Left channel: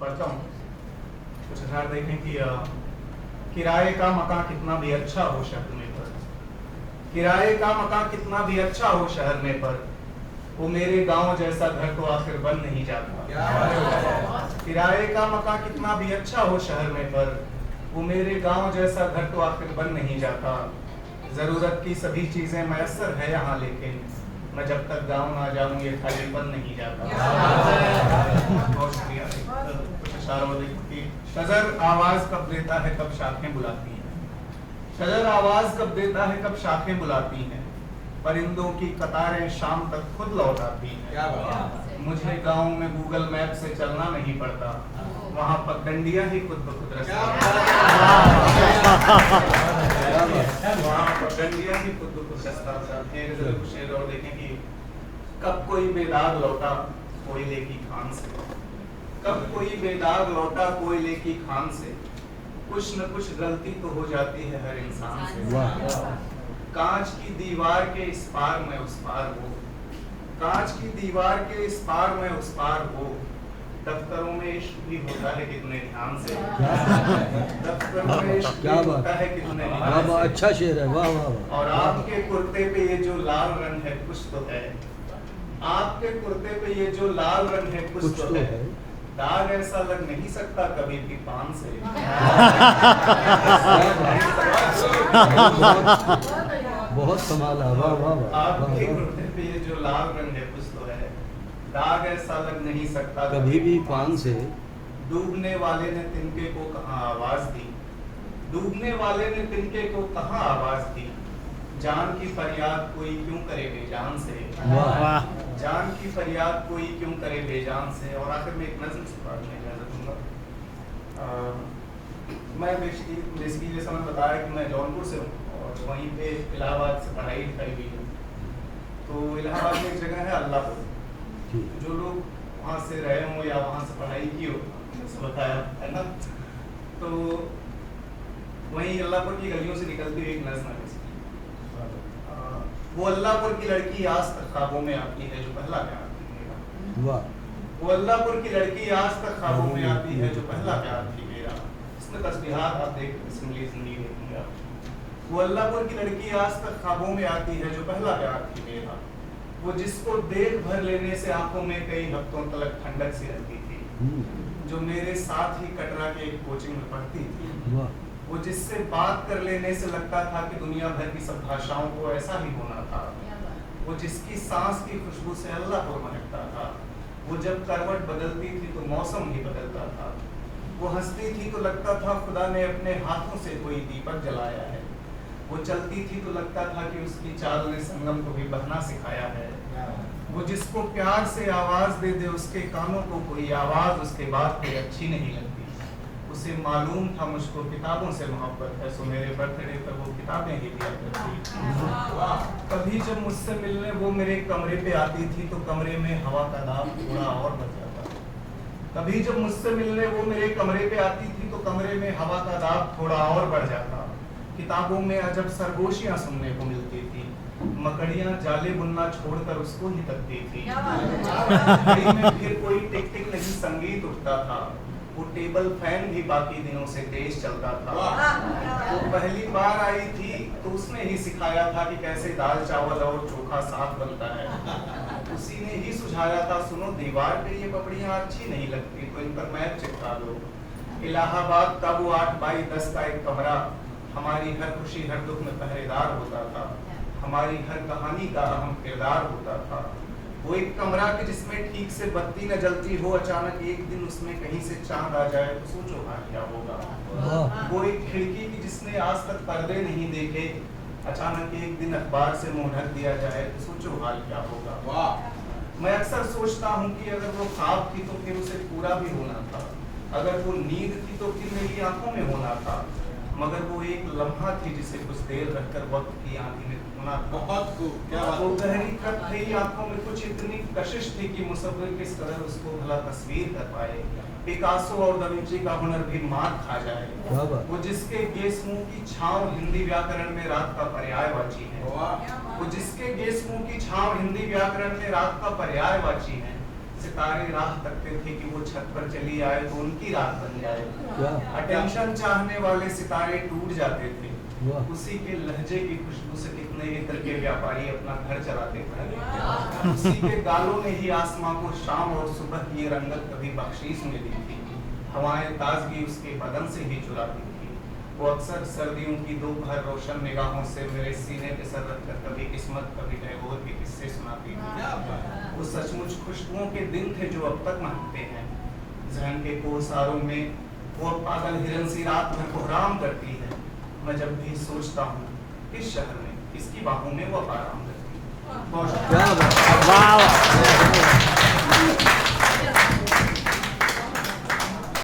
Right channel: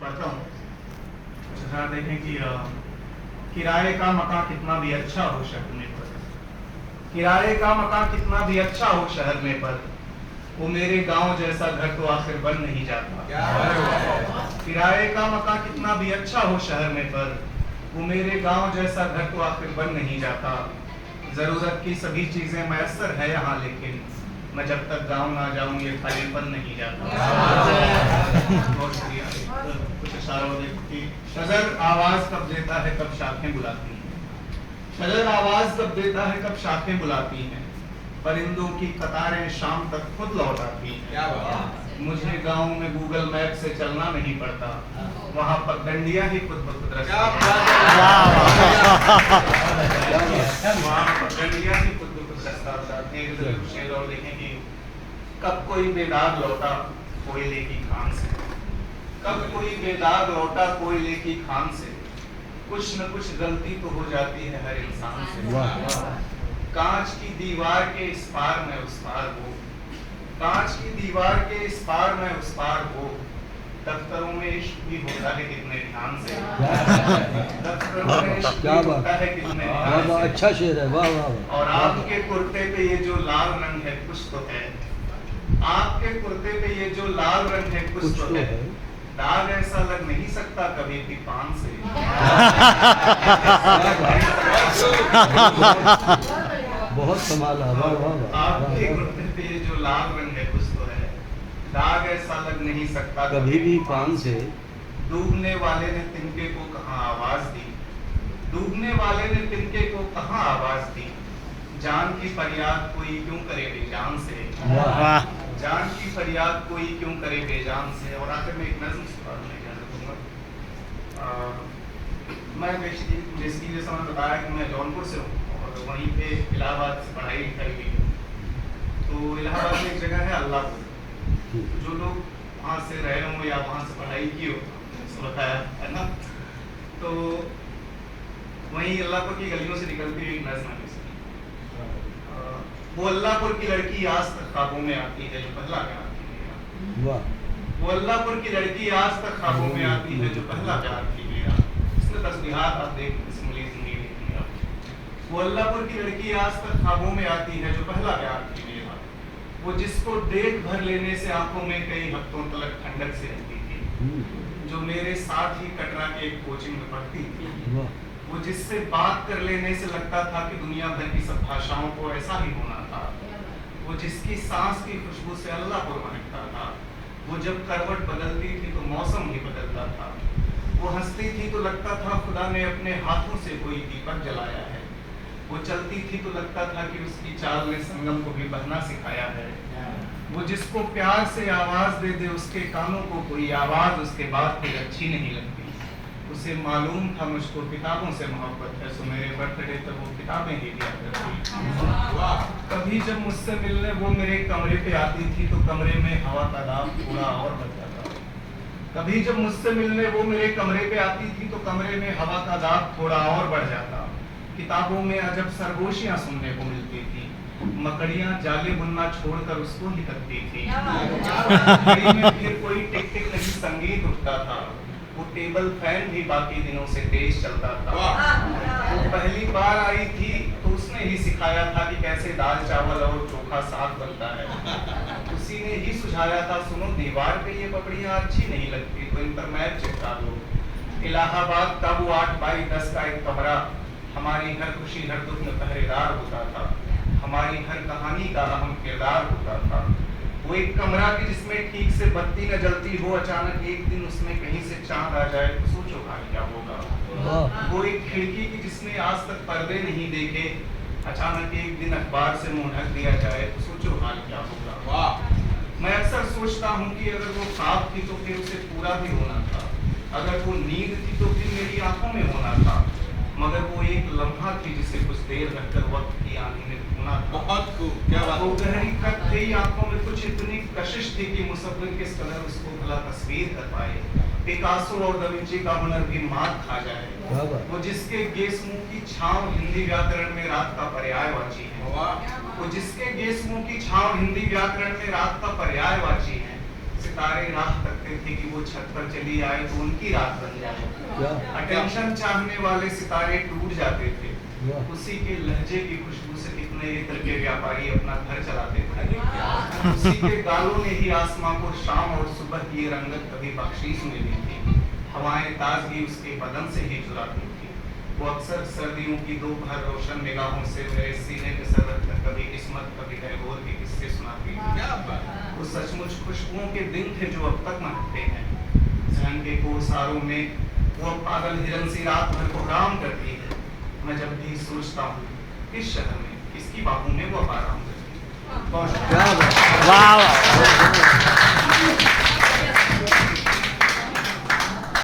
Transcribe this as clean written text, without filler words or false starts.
पढ़ता हूँ कुछ हजार देखें कि किराए का मकान कितना भी अच्छा हो शहर में पर, किराए का मकान कितना भी अच्छा हो शहर में पर, वो मेरे गांव जैसा घर तो आखिर बन नहीं जाता। किराए का मकान कितना भी अच्छा हो शहर में पर, वो मेरे गांव जैसा घर तो आखिर बन नहीं जाता। जरूरत की सभी चीजें मैसर है यहाँ, लेकिन मैं जब तक गांव ना जाऊं ये खालीपन नहीं जाता। बहुत शुक्रिया। कुछ इशारों की शजर आवाज कब देता है कब शाखें बुलाती हैं, शजर आवाज कब देता है कब शाखें बुलाती हैं, परिंदों की कतारें शाम तक खुद लौट आती हैं। मुझे गांव में गूगल मैप से चलना नहीं पड़ता, वहां पगडंडियां ही खुद ब खुद रास्ता बताती हैं। और देखें कि कब कोई बेदाग लौटा कोयले की खान से, कब कोई बेदाग लौटा कोयले की खान से, कुछ न कुछ गलती तो हो जाती है हर इंसान से। कांच की दीवार के इस पार में उस पार हो, कांच की दीवार के इस पार में उस पार हो, दफ्तरों में इश्क भी होता है कितने ध्यान से, दफ्तरों में इश्क भी होता है कितने ध्यान से। अच्छा शेर है, वाह वाह। और आपके कुर्ते पे ये जो लाल रंग है कुछ तो है, आपके कुर्ते पे ये जो लाल रंग है कुछ तो है, दाग ऐसा लग नहीं सकता कभी भी पान से। बहुत कमाल है, वाह वाह वाह। आपके कुर्ते पे ये जो लाल रंग है कुछ तो है, दाग ऐसा लग नहीं सकता कभी भी पान से। डूबने वाले ने तिनके को कहाँ आवाज दी, डूबने वाले ने तिनके को कहाँ आवाज दी, जान की फरियाद कोई क्यों करे बेजान से, जान की फरियाद कोई क्यों करे बेजान से। और आखिर में एक नज़्म दूंगा। मैं बेसिकली जैसा मैंने बताया कि मैं जौनपुर से हूँ और वहीं पे इलाहाबाद से पढ़ाई करी हुई है। तो इलाहाबाद में एक जगह है अल्लाहपुर, जो लोग वहाँ से रहे हों या वहाँ से पढ़ाई की हो बताया है ना, तो वहीं अल्लाहपुर की गलियों से निकलती हुई एक नज़्म है। वो अल्लाहपुर की लड़की आज तक ख्वाबों में आती है जो पहला प्यार थी मेरा, वो अल्लाहपुर की लड़की आज तक ख्वाबों में आती है जो पहला प्यार थी मेरा। इसमें तस्बीहात आप देख जिंदगी देखेंगे आप। वो अल्लाहपुर की लड़की आज तक ख्वाबों में आती है जो पहला प्यार थी मेरा, वो जिसको देख भर लेने से आंखों में कई हफ्तों तक ठंडक से रहती थी, जो मेरे साथ ही कटरा के एक कोचिंग में पढ़ती थी, वो जिससे बात कर लेने से लगता था कि दुनिया भर की सब भाषाओं को ऐसा ही होना था, वो जिसकी सांस की खुशबू से अल्लाह को महकता था, वो जब करवट बदलती थी तो मौसम ही बदलता था, वो हंसती थी तो लगता था खुदा ने अपने हाथों से कोई दीपक जलाया है, वो चलती थी तो लगता था कि उसकी चाल ने संगम को भी बहना सिखाया है, वो जिसको प्यार से आवाज दे दे उसके कानों को कोई आवाज उसके बाद फिर अच्छी नहीं लगती, उसे मालूम था मुझको किताबों से मोहब्बत है, सो मेरे बर्थडे पर वो किताबें ही दिया करती। कभी जब मुझसे मिलने वो मेरे कमरे पे आती थी तो कमरे में हवा का दाब थोड़ा और बढ़ जाता, कभी जब मुझसे मिलने वो मेरे कमरे पे आती थी तो कमरे में हवा का दाब थोड़ा और बढ़ जाता। किताबों में अजब सरगोशियां सुनने को मिलती थी, मकड़ियां जाले बुनना छोड़कर उसको ही तकती थी, में फिर कोई टिक टिक नहीं संगीत उठता था, वो टेबल फैन भी बाकी दिनों से तेज चलता था। वो पहली बार आई थी तो उसने ही सिखाया था कि कैसे दाल चावल और चोखा साग बनता है, उसी ने ही सुझाया था सुनो दीवार पे ये पपड़ियां अच्छी नहीं लगती तो इन पर मैप चिपका दो। इलाहाबाद का वो 8x10 का एक कमरा हमारी हर खुशी हर दुख में पहरेदार होता था, हमारी हर कहानी का अहम किरदार होता था। वो एक कमरा की जिसमें ठीक से बत्ती न जलती हो, अचानक एक दिन उसमें कहीं से चांद आ जाए तो सोचो हाल क्या होगा। वो एक खिड़की की जिसने आज तक पर्दे नहीं देखे, अचानक एक दिन अखबार से मुंह ढक दिया जाए तो सोचो हाल क्या होगा। मैं अक्सर सोचता हूँ कि अगर वो ख्वाब थी तो फिर उसे पूरा भी होना था, अगर वो नींद थी तो फिर मेरी आंखों में होना था, मगर वो एक लम्हा थी जिसे कुछ देर रखकर वक्त की आंधी में होना। बहुत क्या बात। वो गहरी खत थी आंखों में कुछ इतनी कशिश थी कि मुसव्विर किस कदर उसको भला तस्वीर कर पाए, पिकासो और दा विंची का हुनर भी मात खा जाए। वो जिसके गेसमुंह की छांव हिंदी व्याकरण में रात का पर्यायवाची है, वो जिसके गेसमुंह की छांव हिंदी व्याकरण में रात का पर्यायवाची है, सितारे राह तकते थे कि वो छत पर चली आए तो उनकी रात बन जाए। क्या अटेंशन चाहने वाले सितारे टूट जाते थे। वाह उसी के लहजे की खुशबू से कितने इत्र के व्यापारी अपना घर चलाते थे। उसी के गालों ने ही आसमां को शाम और सुबह की रंगत कभी बख्शीश मिली थी। हवाएं ताजगी उसके बदन से ही चुराती थी। वो अक्सर सर्दियों की दोपहर रोशन निगाहों से मेरे सीने पे सर रखकर कभी किस्मत कभी टैगोर के किस्से सुनाती थी। वो सचमुच खुशबुओं के दिन थे जो अब तक महकते हैं। जहन के कोसारों में वो पागल हिरन सी रात भर कोहराम करती है। मैं जब भी सोचता हूँ किस शहर में किसकी बाहों में वो आराम करती है। क्या बात वाह वाह